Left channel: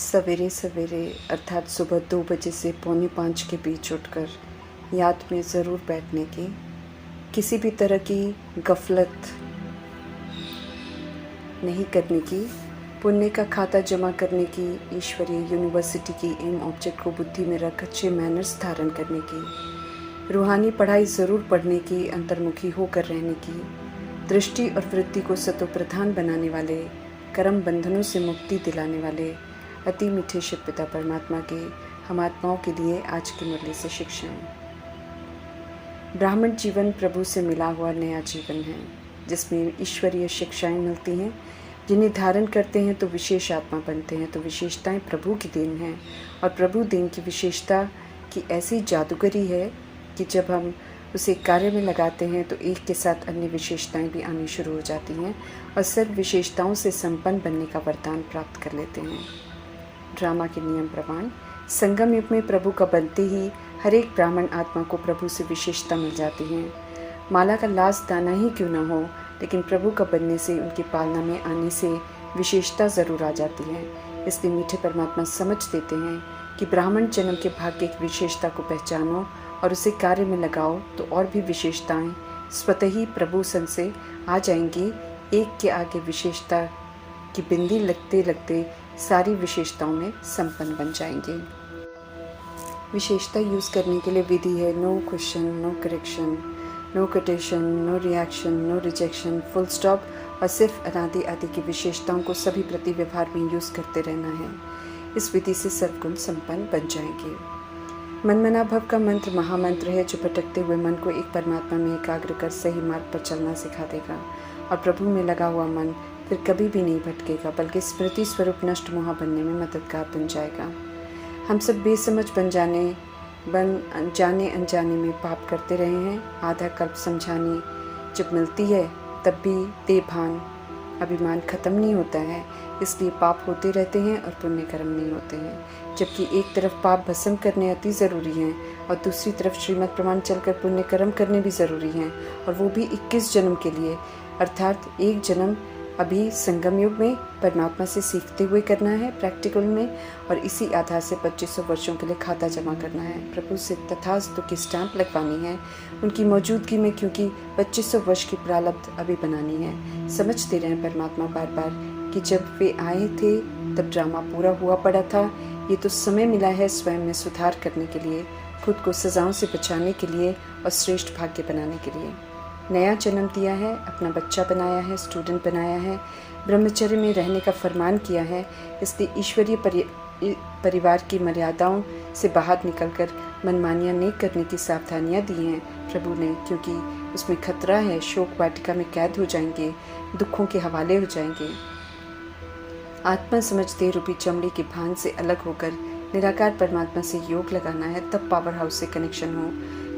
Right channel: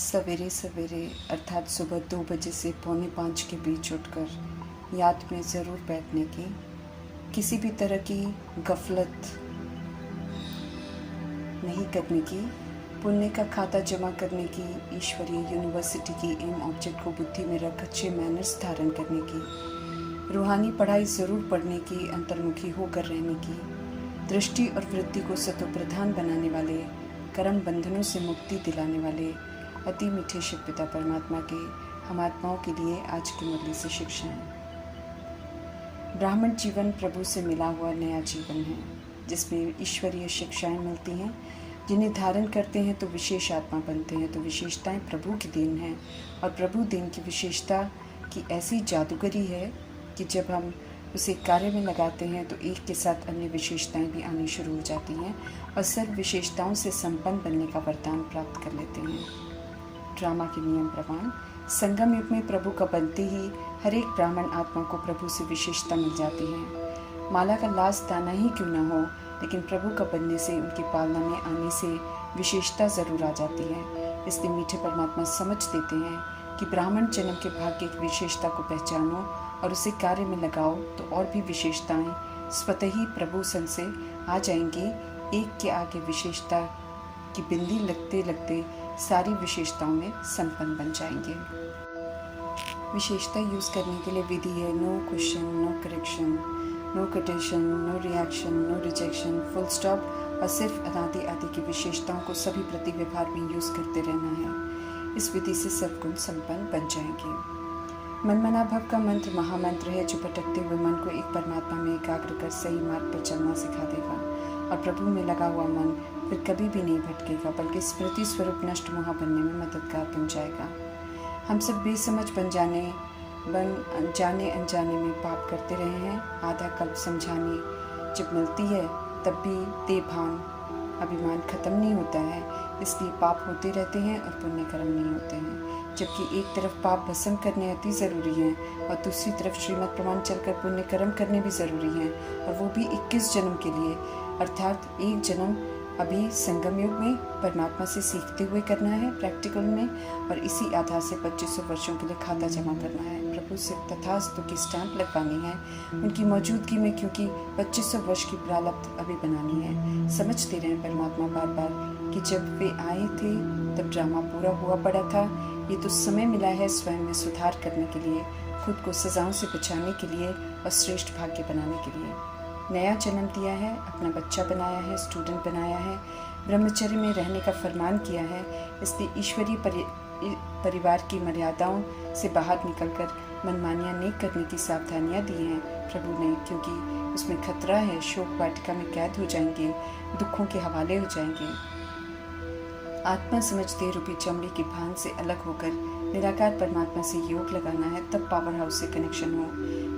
सवेरे सवेरे अर्थात सुबह 2 बजे से पौने 5 के बीच उठकर याद में ज़रूर बैठने की, किसी भी तरह की गफलत नहीं करने की, पुण्य का खाता जमा करने की, ईश्वरीय यूनिवर्सिटी की एम ऑब्जेक्ट को बुद्धि में रख अच्छे मैनर्स धारण करने की, रूहानी पढ़ाई ज़रूर पढ़ने की, अंतर्मुखी होकर रहने की, दृष्टि और वृत्ति को सतोप्रधान बनाने वाले, कर्म बंधनों से मुक्ति दिलाने वाले अति मीठे शिव पिता परमात्मा के हम आत्माओं के लिए आज की मुरली से शिक्षाएं। ब्राह्मण जीवन प्रभु से मिला हुआ नया जीवन है, जिसमें ईश्वरीय शिक्षाएं मिलती हैं, जिन्हें धारण करते हैं तो विशेष आत्मा बनते हैं। तो विशेषताएं प्रभु की देन है, और प्रभु देन की विशेषता की ऐसी जादूगरी है कि जब हम उसे कार्य में लगाते हैं तो एक के साथ अन्य विशेषताएं भी आनी शुरू हो जाती हैं और सर्व विशेषताओं से संपन्न बनने का वरदान प्राप्त कर लेते हैं। ड्रामा के नियम प्रमाण संगम युग में प्रभु का बनते ही हर एक ब्राह्मण आत्मा को प्रभु से विशेषता मिल जाती है। माला का लास्ट दाना ही क्यों न हो, लेकिन प्रभु का बनने से, उनकी पालना में आने से विशेषता ज़रूर आ जाती है। इसलिए मीठे परमात्मा समझ देते हैं कि ब्राह्मण जन्म के भाग्य की विशेषता को पहचानो और उसे कार्य में लगाओ तो और भी विशेषताएं स्वतः ही प्रभु सन से आ जाएंगी। एक के आगे विशेषता की बिंदी लगते लगते सारी विशेषताओं में संपन्न बन जाएंगे। विशेषता यूज़ करने के लिए विधि है no question, no correction, no quotation, no reaction, no rejection, full stop, और सिर्फ अनादि आदि की विशेषताओं को सभी प्रति व्यवहार में यूज़ करते रहना है। इस विधि से सर्वगुण संपन्न बन जाएंगे। मनमना भव का मंत्र महामंत्र है, जो भटकते हुए मन को एक परमात्मा में एकाग्र कर सही मार्ग पर चलना सिखा देगा, और प्रभु में लगा हुआ मन फिर कभी भी नहीं भटकेगा, बल्कि स्मृति स्वरूप नष्ट मोह बनने में मददगार बन जाएगा। हम सब बेसमझ बन जाने अनजाने में पाप करते रहे हैं। आधा कल्प समझाने जब मिलती है तब भी देभान अभिमान खत्म नहीं होता है, इसलिए पाप होते रहते हैं और पुण्य कर्म नहीं होते हैं। जबकि एक तरफ पाप भस्म करने अति ज़रूरी हैं और दूसरी तरफ श्रीमद् प्रमाण चलकर पुण्य कर्म करने भी ज़रूरी हैं, और वो भी 21 जन्म के लिए, अर्थात एक जन्म अभी संगम युग में परमात्मा से सीखते हुए करना है प्रैक्टिकल में, और इसी आधार से 2500 वर्षों के लिए खाता जमा करना है। प्रभु से तथास्तु की स्टैंप लगवानी है उनकी मौजूदगी में, क्योंकि 2500 वर्ष की प्रारब्ध अभी बनानी है। समझते रहे परमात्मा बार बार कि जब वे आए थे तब ड्रामा पूरा हुआ पड़ा था। ये तो समय मिला है स्वयं में सुधार करने के लिए, खुद को सजाओं से बचाने के लिए और श्रेष्ठ भाग्य बनाने के लिए। नया जन्म दिया है, अपना बच्चा बनाया है, स्टूडेंट बनाया है, ब्रह्मचर्य में रहने का फरमान किया है। इसलिए ईश्वरीय परिवार की मर्यादाओं से बाहर निकलकर मनमानियाँ नहीं करने की सावधानियाँ दी हैं प्रभु ने, क्योंकि उसमें खतरा है। शोक वाटिका में कैद हो जाएंगे, दुखों के हवाले हो जाएंगे। आत्मा समझते रूपी चमड़ी की भान से अलग होकर निराकार परमात्मा से योग लगाना है, तब पावर हाउस से कनेक्शन हो।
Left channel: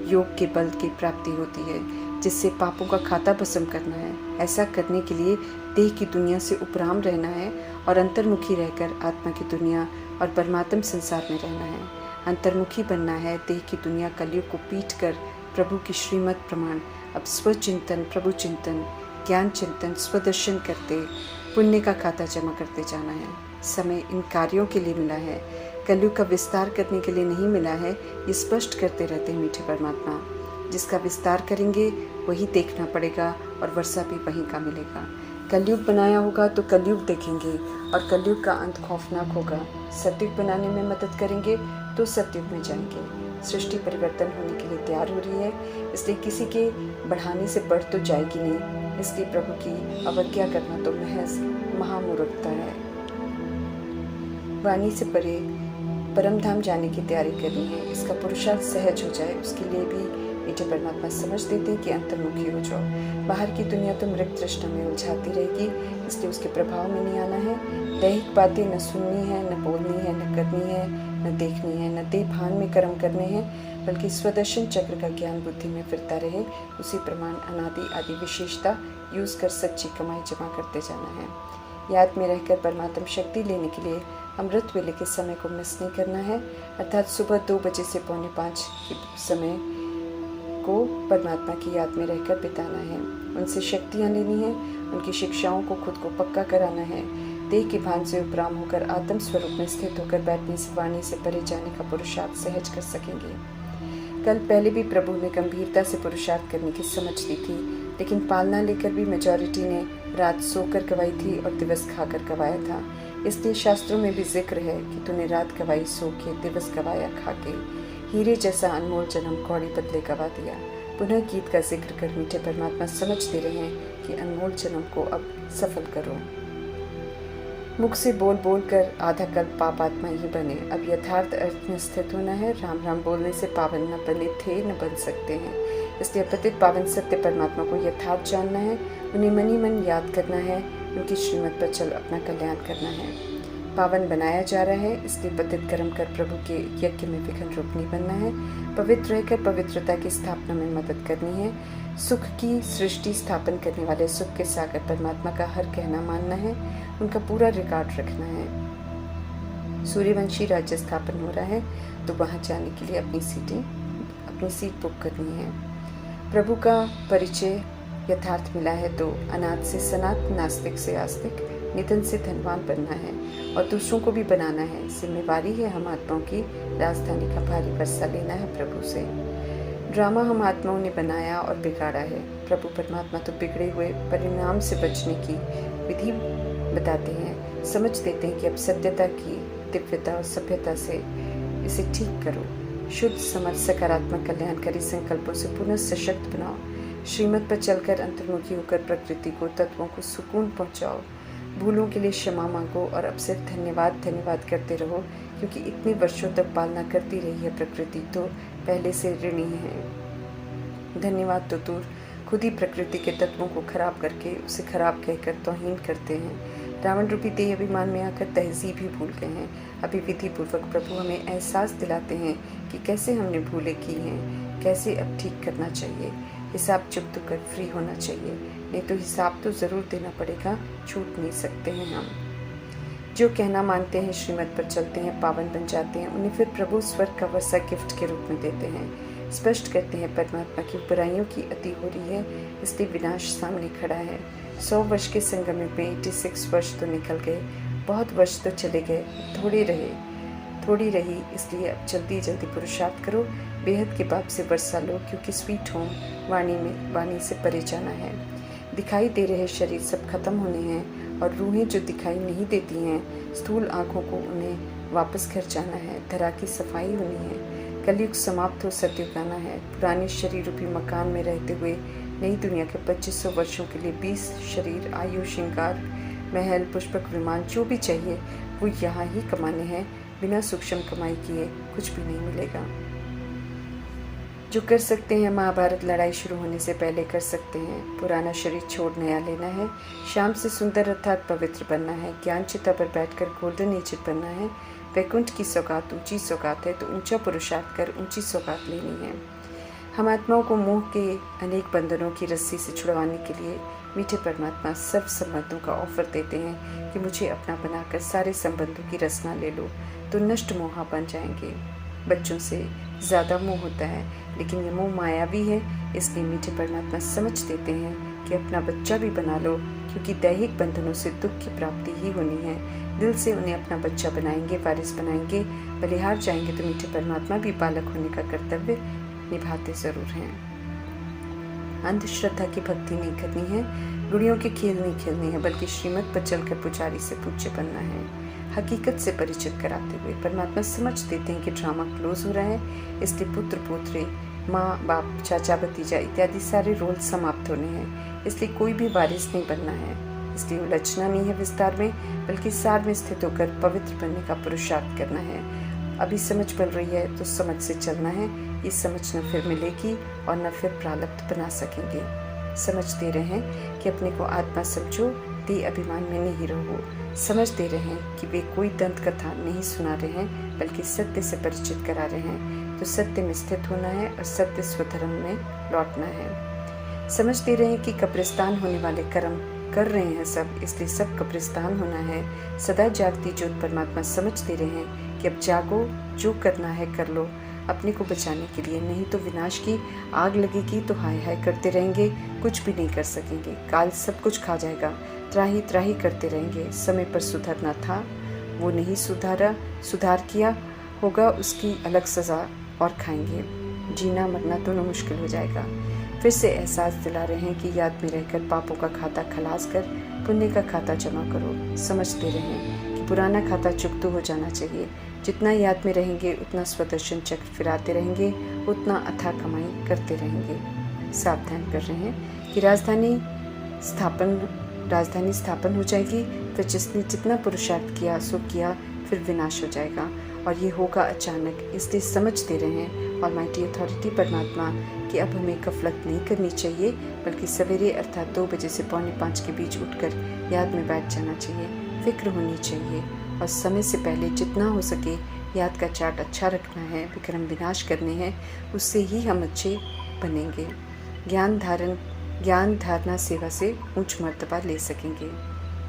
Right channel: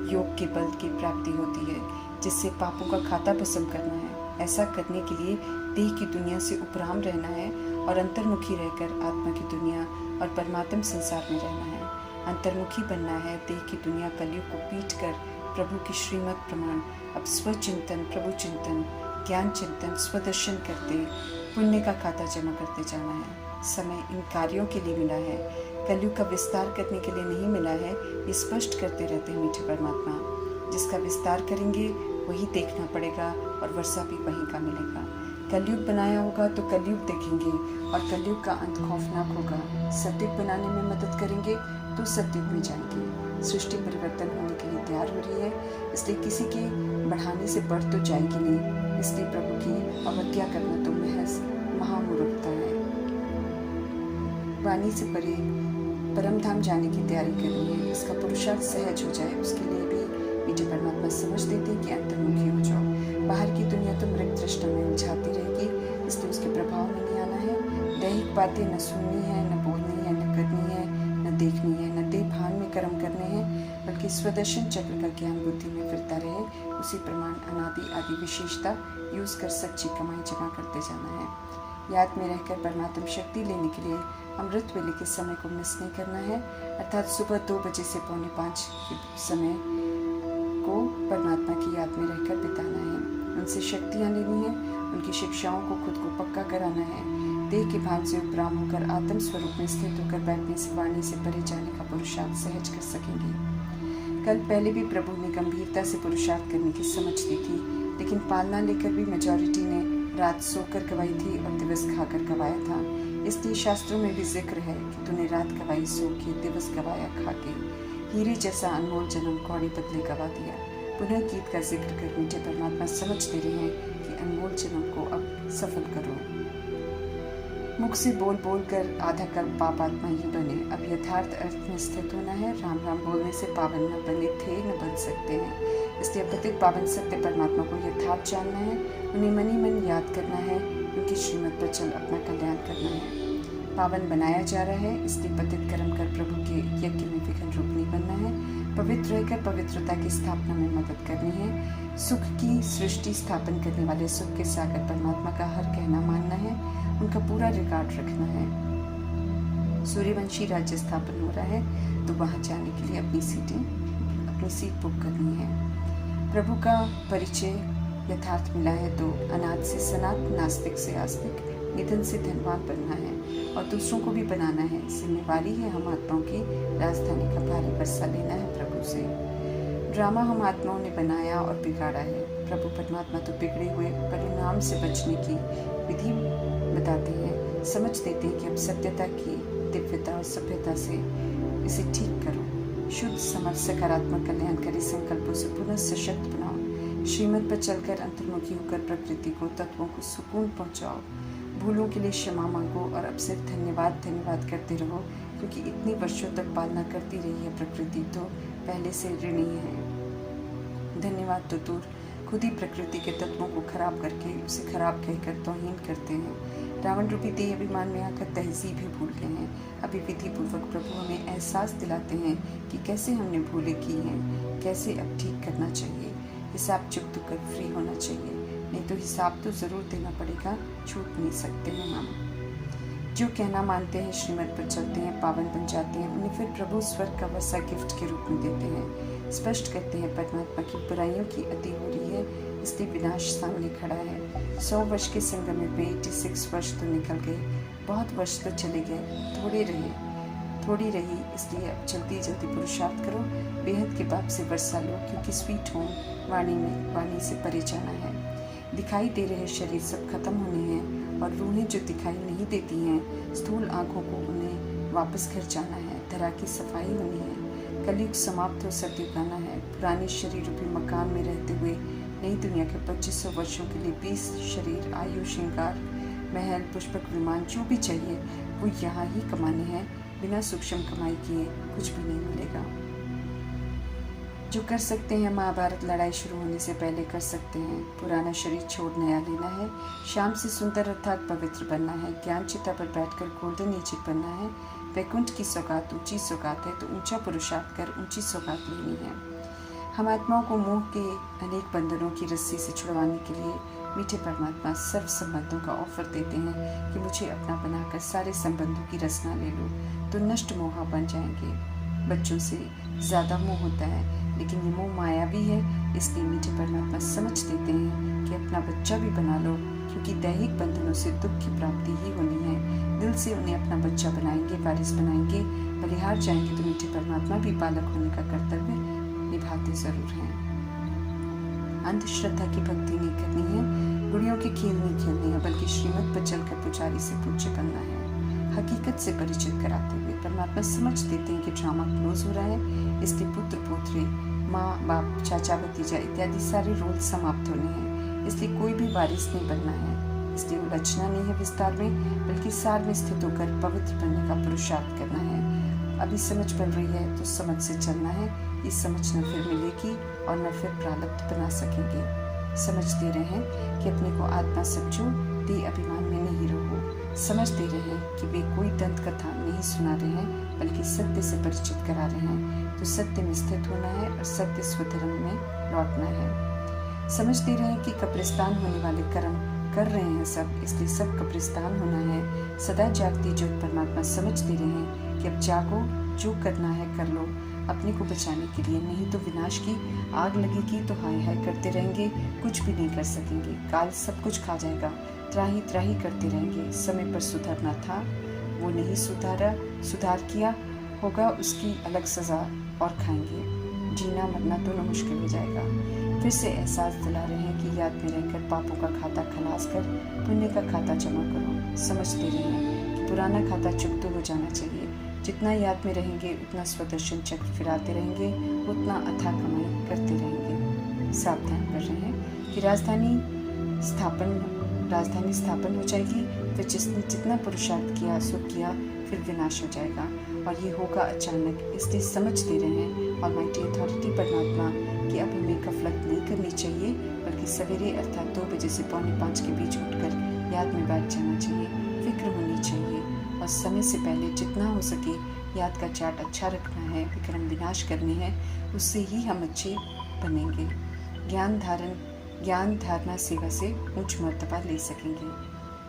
योग के बल की प्राप्ति होती है, जिससे पापों का खाता भस्म करना है। ऐसा करने के लिए देह की दुनिया से उपराम रहना है और अंतर्मुखी रहकर आत्मा की दुनिया और परमात्म संसार में रहना है। अंतर्मुखी बनना है, देह की दुनिया कलयुग को पीट कर प्रभु की श्रीमद् प्रमाण अब स्वचिंतन, प्रभु चिंतन, ज्ञान चिंतन, स्वदर्शन करते पुण्य का खाता जमा करते जाना है। समय इन कार्यों के लिए मिला है, कलयुग का विस्तार करने के लिए नहीं मिला है। ये स्पष्ट करते रहते मीठे परमात्मा। जिसका विस्तार करेंगे वही देखना पड़ेगा और वर्षा भी वहीं का मिलेगा। कलयुग बनाया होगा तो कलयुग देखेंगे, और कलयुग का अंत खौफनाक होगा। सतयुग बनाने में मदद करेंगे तो सतयुग में जाएंगे। सृष्टि परिवर्तन होने के लिए तैयार हो रही है, इसलिए किसी के बढ़ाने से बढ़ तो जाएगी नहीं। इसलिए प्रभु की अवज्ञा करना तो महज महामूर्खता है। वाणी से परे परम धाम जाने की तैयारी करनी है। इसका पुरुषार्थ सहज हो जाए, उसके लिए भी मीठे परमात्मा समझ देते हैं कि अंतर्मुखी हो जाओ। बाहर की दुनिया तो मृग तृष्णा में उलझाती रहेगी, इसलिए उसके प्रभाव में नहीं आना है। दैहिक बातें न सुननी है, न बोलनी है, न करनी है, न देखनी है, न देह भान में कर्म करने हैं, बल्कि स्वदर्शन चक्र का ज्ञान बुद्धि में फिरता रहे। उसी प्रमाण अनादि आदि विशेषता यूज कर सच्ची कमाई जमा करते जाना है। याद में रहकर परमात्म शक्ति लेने के लिए अमृत वेले के समय को मिस नहीं करना है, अर्थात सुबह 2 बजे से पौने 5 के समय को परमात्मा की याद में रहकर बिताना है। उनसे शक्तियाँ लेनी है, उनकी शिक्षाओं को खुद को पक्का कराना है, देह के भान से उपराम होकर आत्म स्वरूप में स्थित होकर बैठने से वाणी से परे जाने का पुरुषार्थ सहज कर सकेंगे। कल पहले भी प्रभु ने गंभीरता से पुरुषार्थ करने की समझ दी थी, लेकिन पालना लेकर भी मेजॉरिटी ने रात सोकर गवाई थी और दिवस खाकर गवाया था। इसलिए शास्त्रों में भी जिक्र है कि तूने रात गवाई सो के, दिवस गवाया खा के। हीरे जैसा अनमोल जन्म कौड़ी बदले गवा दिया। पुनः गीत का जिक्र कर मीठे परमात्मा समझ दे रहे हैं कि अनमोल जन्म को अब सफल करो। मुख से बोल बोल कर आधा कल्प पाप आत्मा ही बने। अब यथार्थ अर्थ में स्थित होना है। राम राम बोलने से पावन न बने थे न बन सकते हैं। इसलिए पतित पावन सत्य परमात्मा को यथार्थ जानना है, उन्हें मनी मन याद करना है, उनकी श्रीमत पर चल अपना कल्याण करना है। पावन बनाया जा रहा है, इसलिए पतित कर्म कर प्रभु के यज्ञ में विघ्न रूप नहीं बनना है। पवित्र रहकर पवित्रता की स्थापना में मदद करनी है। सुख की सृष्टि स्थापन करने वाले सुख के सागर परमात्मा का हर कहना मानना है, उनका पूरा रिकॉर्ड रखना है। सूर्यवंशी राज्य स्थापन हो रहा है, तो वहां जाने के लिए अपनी सीट बुक करनी है। प्रभु का परिचय यथार्थ मिला है तो अनाथ से सनात, नास्तिक से आस्तिक, निधन से धनवान बनना है और दूसरों को भी बनाना है। जिम्मेवारी है हम आत्माओं की, राजधानी का भारी वर्षा लेना है प्रभु से। ड्रामा हम आत्माओं ने बनाया और बिगाड़ा है। प्रभु परमात्मा तो बिगड़े हुए परिणाम से बचने की विधि बताते हैं, समझ देते हैं कि अब सत्यता की दिव्यता और सभ्यता से इसे ठीक करो। शुद्ध समझ सकारात्मक कल्याणकारी संकल्पों से पुनः सशक्त बनाओ। श्रीमत पर चलकर अंतर्मुखी होकर प्रकृति को, तत्वों को सुकून पहुंचाओ। भूलों के लिए क्षमा मांगो और अब सिर्फ धन्यवाद धन्यवाद करते रहो, क्योंकि इतने वर्षों तक पालना करती रही है प्रकृति तो पहले से ऋणी है। धन्यवाद तो दूर, खुद ही प्रकृति के तत्वों को खराब करके उसे खराब कहकर तौहीन करते हैं। रावण रूपी देह अभिमान में आकर तहजीब ही भूल गए हैं। अभी विधि पूर्वक प्रभु हमें एहसास दिलाते हैं कि कैसे हमने भूलें की हैं, कैसे अब ठीक करना चाहिए। हिसाब चुकता कर फ्री होना चाहिए, नहीं तो हिसाब तो ज़रूर देना पड़ेगा, छूट नहीं सकते हैं हम। जो कहना मानते हैं, श्रीमत पर चलते हैं, पावन बन जाते हैं, उन्हें फिर प्रभु स्वर्ग का वर्षा गिफ्ट के रूप में देते हैं। स्पष्ट करते हैं परमात्मा की बुराइयों की अति हो रही है, इसलिए विनाश सामने खड़ा है। 100 वर्ष के संगम में 86 वर्ष तो निकल गए, बहुत वर्ष तो चले गए, थोड़ी रही, इसलिए अब जल्दी जल्दी पुरुषार्थ करो। बेहद के बाप से वर्षा लो, क्योंकि स्वीट होम वाणी से परे जाना है। दिखाई दे रहे शरीर सब खत्म होने हैं और रूहें जो दिखाई नहीं देती हैं, स्थूल आँखों को उन्हें वापस घर जाना है। धरा की सफाई होनी है, कलयुग समाप्त हो, सतयुग आना है। पुराने शरीर रूपी मकान में रहते हुए नई दुनिया के 2500 वर्षों के लिए 20 शरीर, आयु, श्रृंगार, महल, पुष्पक विमान जो भी चाहिए वो यहाँ ही कमाने हैं। बिना सूक्ष्म कमाई किए कुछ भी नहीं मिलेगा। जो कर सकते हैं महाभारत लड़ाई शुरू होने से पहले कर सकते हैं। पुराना शरीर छोड़ नया लेना है। शाम से सुंदर अर्थात पवित्र बनना है। ज्ञान चिता पर बैठकर गोल्डन एज बनना है। वैकुंठ की सौगात ऊंची सौगात है, तो ऊंचा पुरुषार्थ कर ऊंची सौगात लेनी है। हम आत्माओं को मोह के अनेक बंधनों की रस्सी से छुड़वाने के लिए मीठे परमात्मा सर्व संबंधों का ऑफर देते हैं कि मुझे अपना बनाकर सारे संबंधों की रचना ले लो, तो नष्ट मोहा बन जाएंगे। बच्चों से ज़्यादा मोह होता है, लेकिन ये मोह मायावी है, इसलिए मीठे परमात्मा समझ देते हैं कि अपना बच्चा भी बना लो, क्योंकि दैहिक बंधनों से दुख की प्राप्ति ही होनी है। दिल से उन्हें अपना बच्चा बनाएंगे, वारिस बनाएंगे। बलिहार जाएंगे तो मीठे परमात्मा भी बालक होने का कर्तव्य निभाते ज़रूर हैं। अंधश्रद्धा की भक्ति नहीं करनी है, गुड़ियों के खेल नहीं खेलने हैं, बल्कि श्रीमत पर चलकर पुजारी से पूज्य बनना है। हकीकत से परिचित कराते हुए परमात्मा समझ देते हैं कि ड्रामा क्लोज हो रहा है, इसलिए पुत्र पुत्री, माँ बाप, चाचा भतीजा इत्यादि सारे रोल समाप्त होने हैं। इसलिए कोई भी वारिस नहीं बनना है, इसलिए उलझना नहीं है विस्तार में, बल्कि सार में स्थित होकर पवित्र बनने का पुरुषार्थ करना है। अभी समझ बन रही है तो समझ से चलना है। ये समझ न फिर मिलेगी और न फिर प्रारब्ध बना सकेंगे। समझ दे रहे हैं कि अपने को आत्मा समझो, देह अभिमान में नहीं रहो। समझ दे रहे हैं कि वे कोई दंत कथा नहीं सुना रहे हैं, बल्कि सत्य से परिचित करा रहे हैं। तो सत्य में स्थित होना है और सत्य स्वधर्म में लौटना है। समझ दे रहे हैं कि कब्रिस्तान होने वाले कर्म कर रहे हैं सब, इसलिए सब कब्रिस्तान होना है। सदा जागती ज्योत परमात्मा समझ दे रहे हैं कि अब जागो, जो करना है कर लो अपने को बचाने के लिए, नहीं तो विनाश की आग लगेगी तो हाय हाय करते रहेंगे, कुछ भी नहीं कर सकेंगे। काल सब कुछ खा जाएगा, त्राही त्राही करते रहेंगे। समय पर सुधरना था, वो नहीं सुधार किया होगा, उसकी अलग सज़ा और खाएंगे। जीना मरना दोनों मुश्किल हो जाएगा। फिर से एहसास दिला रहे हैं कि याद में रहकर पापों का खाता खलास कर पुण्य का खाता जमा करो। समझते रहें कि पुराना खाता चुकता हो जाना चाहिए। जितना याद में रहेंगे उतना स्वदर्शन चक्र फिराते रहेंगे, उतना अथाह कमाई करते रहेंगे। सावधान कर रहे हैं कि राजधानी स्थापन हो जाएगी, फिर जिसने जितना पुरुषार्थ किया सो किया, फिर विनाश हो जाएगा और ये होगा अचानक। इसलिए समझ दे रहे हैं ऑलमाइटी अथॉरिटी परमात्मा कि अब हमें गफलत नहीं करनी चाहिए, बल्कि सवेरे अर्थात 2 बजे से 4:45 के बीच उठकर याद में बैठ जाना चाहिए। फिक्र होनी चाहिए और समय से पहले जितना हो सके याद का चार्ट अच्छा रखना है। विक्रम विनाश करने हैं, उससे ही हम अच्छे बनेंगे। ज्ञान धारणा सेवा से ऊंच मर्तबा ले सकेंगे।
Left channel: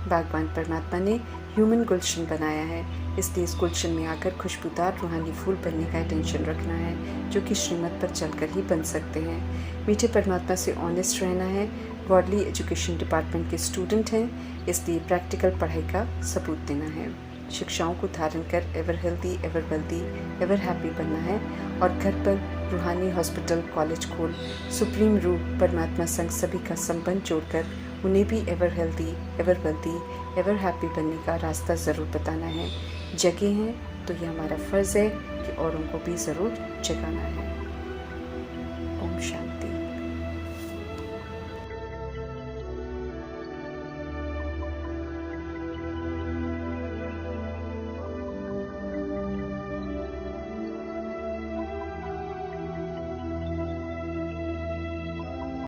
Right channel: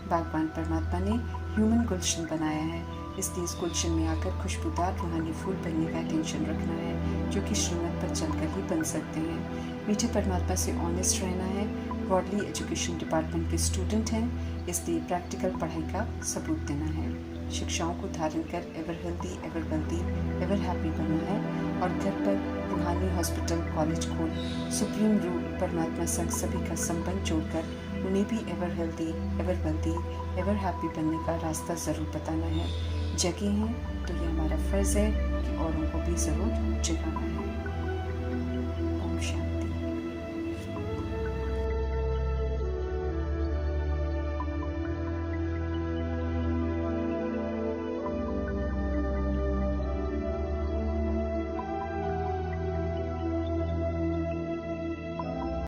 भगवान परमात्मा ने ह्यूमन गुलशन बनाया है, इसलिए इस गुलशन में आकर खुशबूदार रूहानी फूल बनने का इंटेंशन रखना है, जो कि श्रीमत पर चलकर ही बन सकते हैं। मीठे परमात्मा से ऑनेस्ट रहना है। गॉडली एजुकेशन डिपार्टमेंट के स्टूडेंट हैं, इसलिए प्रैक्टिकल पढ़ाई का सबूत देना है। शिक्षाओं को धारण कर ever healthy, ever wealthy, ever happy बनना है और घर पर रूहानी हॉस्पिटल, कॉलेज खोल सुप्रीम रूप परमात्मा संग सभी का संबंध जोड़कर उन्हें भी ever healthy, ever wealthy, ever happy बनने का रास्ता ज़रूर बताना है। जगे हैं तो ये हमारा फ़र्ज़ है कि औरों को भी ज़रूर जगाना है।